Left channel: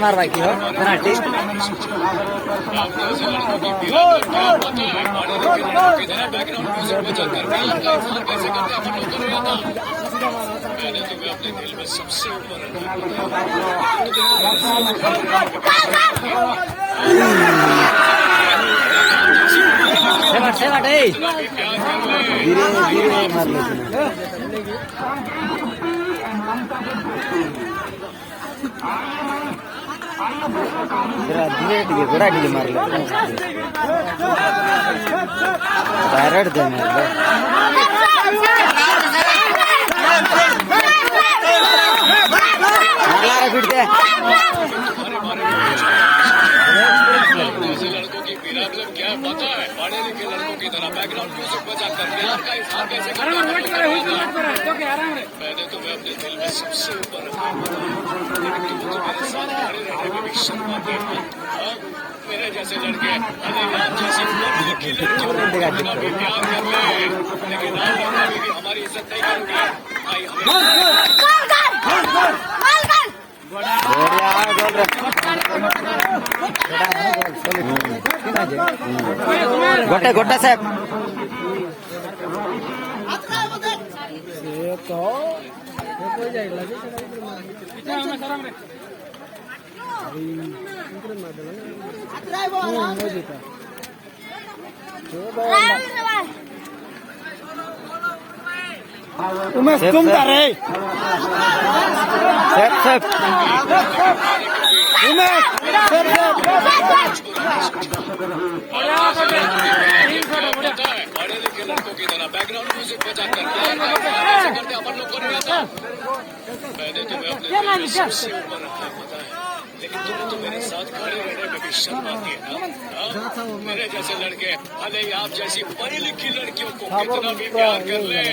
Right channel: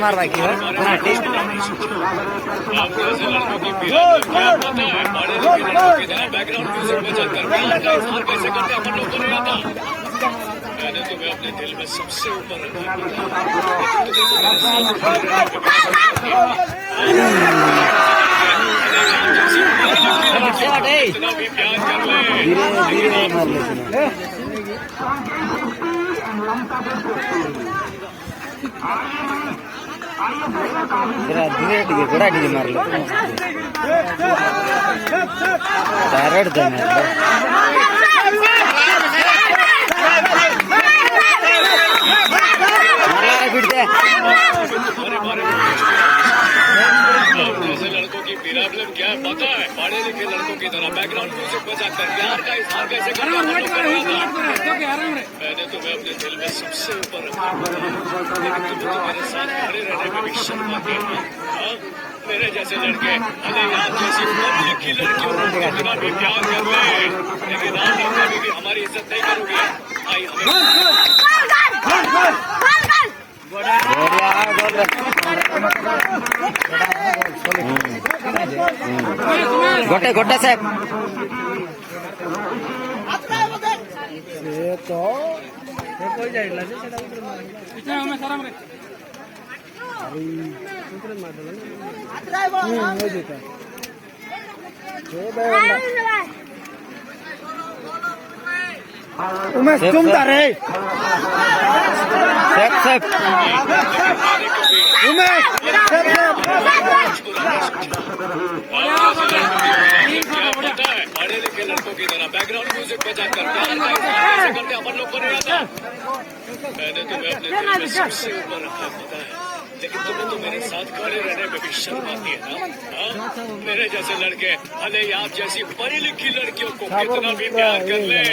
मार भाई background music बजा कर प्यार का इजहार कैसे करते अपन लोग को नहीं आता। मैंने तुम्हें अपने दिल में सबसे ऊपर रखा। धीरे धीरे मार ले धीरे टिके गोड़ा टिके मार ले डायरेक्ट दे मार ले मारला रे फिर दे। ऐसे लड़कों की प्रॉब्लम क्या है पता है? पढ़े लिखे लड़कों की तरह बैकग्राउंड म्यूजिक बजा कर प्यार का इजहार कैसे करते अपन लोग को नहीं आता। मैंने तुम्हें अपने दिल में सबसे ऊपर रखा, लेकिन तुम तो मेरे साथ खड़े रहने में भी शर्माती हो। मेरे जैसे लड़के अरे यार जैसी पढ़ी लिखी लड़कियों को कितना भी प्यार कर ले, लेकिन आप लोग कभी भी हमारी इज्जत नहीं करोगे। आई हमें गोटे गोटे साहब उमेश तुम रे सेफ सेफ उमेश पता है पढ़े लिखे लड़कों की तरह बैकग्राउंड म्यूजिक बजा कर प्यार का इजहार कैसे करते अपन लोग को नहीं आता। मैंने तुम्हें अपने दिल में सबसे ऊपर रखा पता है, लेकिन तुम्हें तो मेरे साथ खड़े रहने में भी शर्म आती है ना। मेरे जैसे लड़के अरे आप जैसी पढ़ी लिखी लड़कियों को कितना भी प्यार कर ले,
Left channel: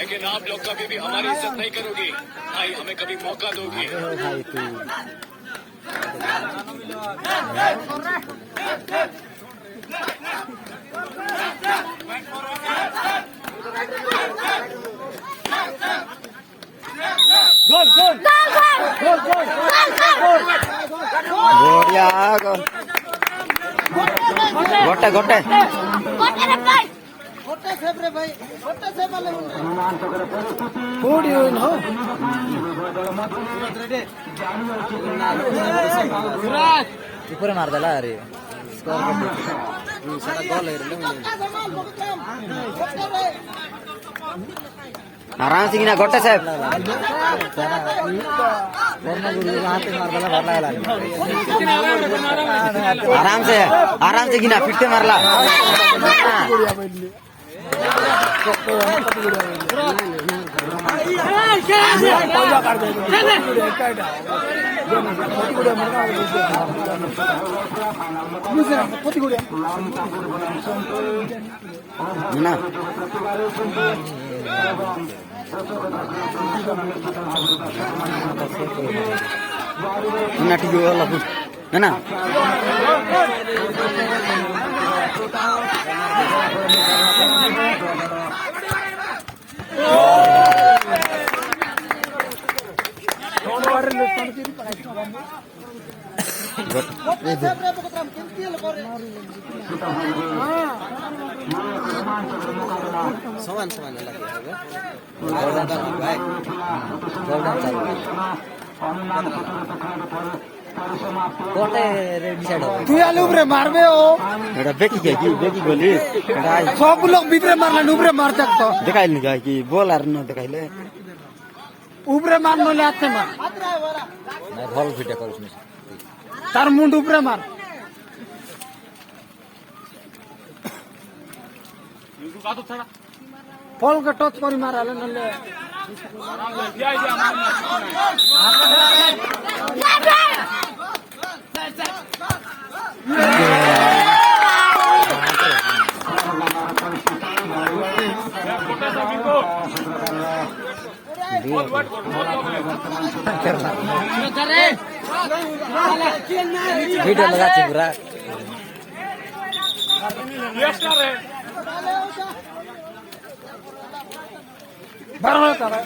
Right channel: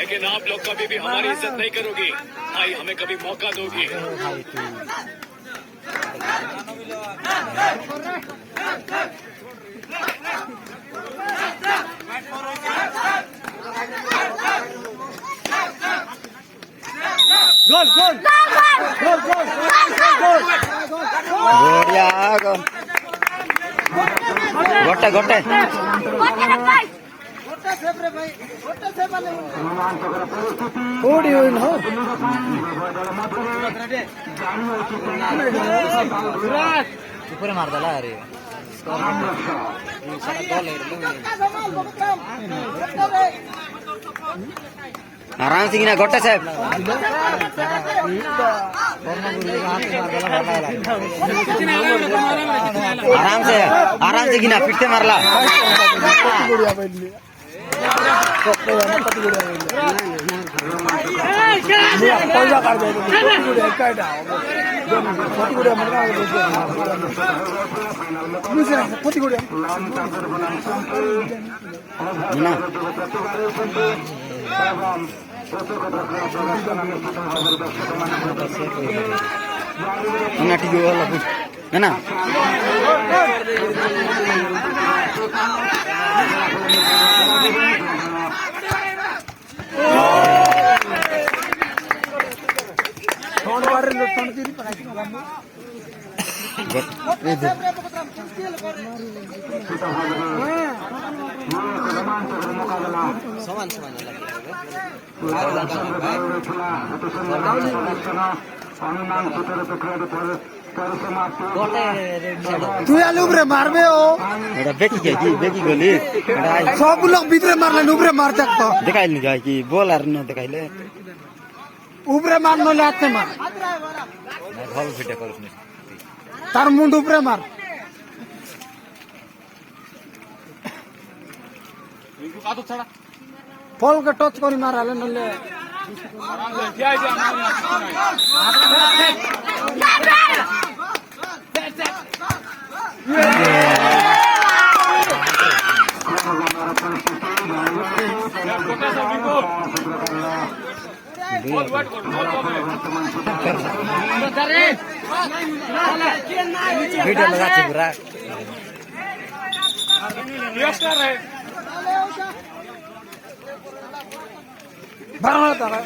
लेकिन आप लोग कभी भी हमारी इज्जत नहीं करोगी। भाई हमें कभी मौका दोगी। गोड़िया गोटे गोटे ऊपर मार दला अरे आराम से गिना गोटे साहब आराम से गिना फिर से मारला पैसा না না ঠিক হলো না সমান সমান তুই আলু উপরে মারবে ও এটা বেকি কি বেকি গলি এটা সব লোক ভিতরে মারলেন উপরে মারতে তো দেখাইলি যায় কি বল আর না দেখাইলে উপরে মার নলে হাতে মার ভালো ফিটা করিস নি তার মুন্ড উপরে মার ফলকে টচ করি মারালে নলে ভিডিও লাগাচ্ছি পুরা বাড়িয়ে করা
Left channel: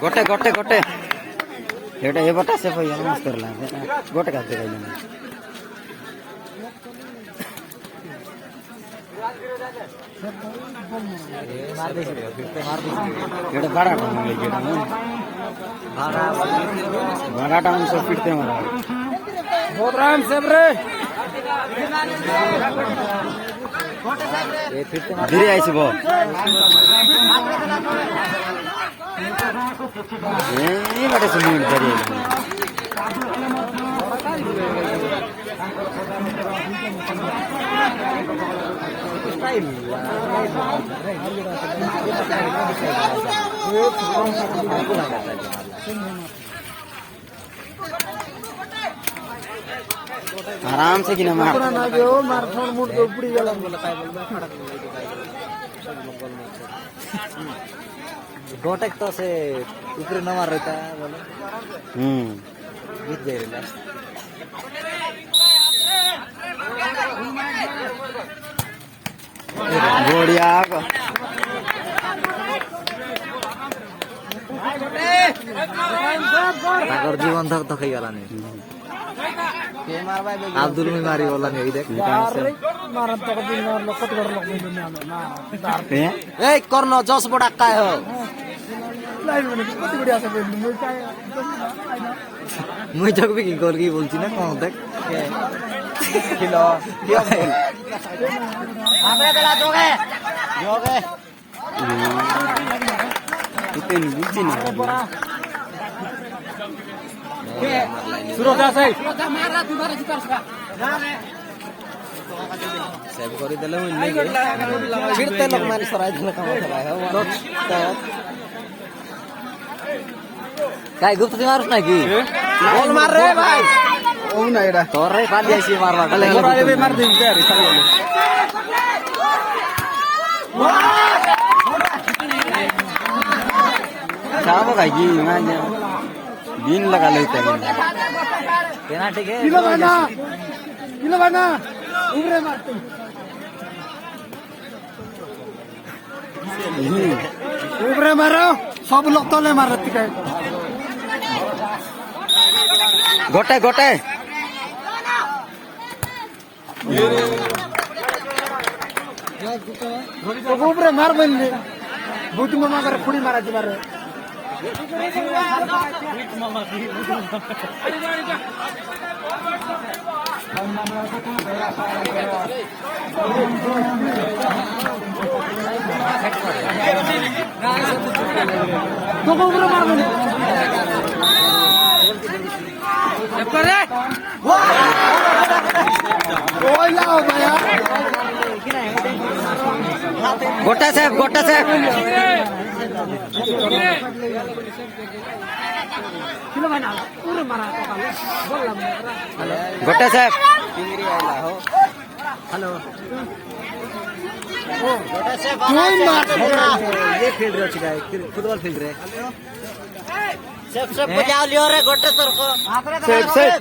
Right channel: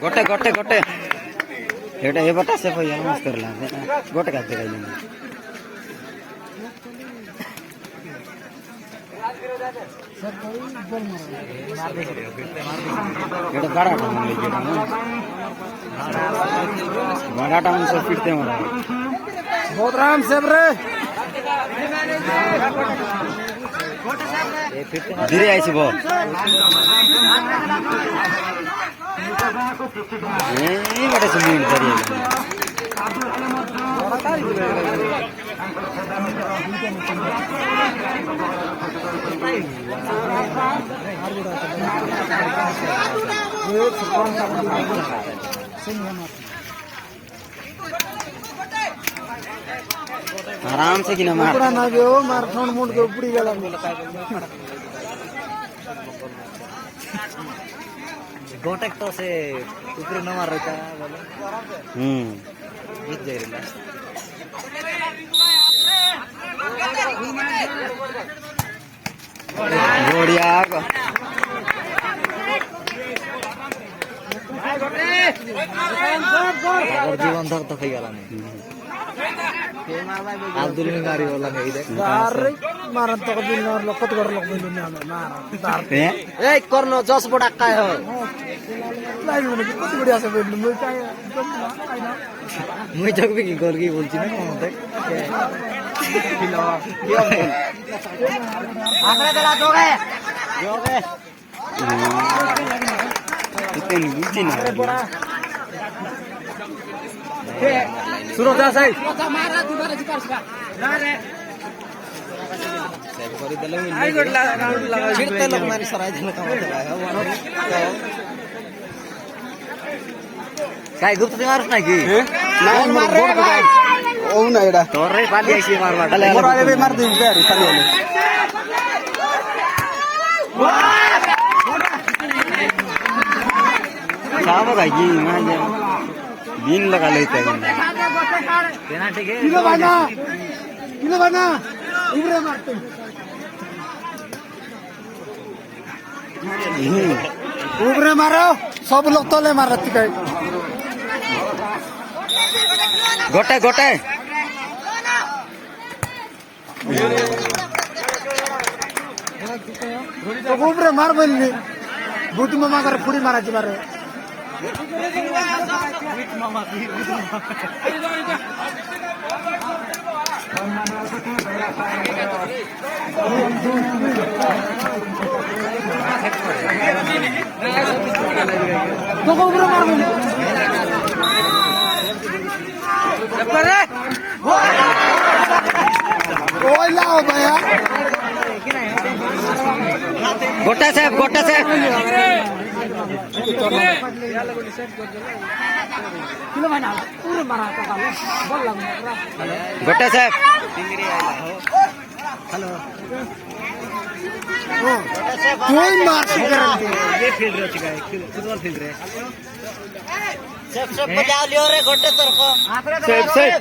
गोटे गोटे गोटे एटा ये बता से भैया मस्त करला गोटे का देखाइले एटा बड़ा टाउन ले जेटा बड़ा टाउन सब पिटते मारा बहुत राम से रे धीरे आइছে बहुत ए बड़े से मूड धरी आराम से किना मार गोटक तो से ऊपर न मार रहा बोले जीत गए बढ़िया जीवन धक तो खाई गला नहीं अब्दुल में मारी बोला नहीं देख मारन तो दिन और लखत कर लग नहीं ना ए करनो जोश बड़ा का है लाइव में कितनी बढ़िया से मुझे जग भी गोल की बोलची ना कौन देख आगे चला दोगे इतने बुझी ना सुरदा सही मारा तुम्हारे जिपर से ना रे सब कर देले नहीं गडला फिर ते लोग मारी सराय दिन काम चला है काय गुप्त मारुस ना की मार रे ओ ना एडा तोर रे पाली आइसी मारवा डले मोरा ए मार दे प्यारी खाली वाले साहब का जी मैं दिन लगा लेते हैं पेनाल्टी के किलो बना उबरे मारते उबरे मारो सब लोग तले मारती है गोटे गोटे उबरे मार बनी बुद्ध में ना कर खुद मारा तुम्हारे ओला होता यार गोटा साहेब गोटा साहेब गोटा साहेब हॅलो कोण मार ये फील्ड रे काय फुटबॉल फील्ड रे सेफ सेफ बजाव लियो रे गोटे तरको साहेब साहेब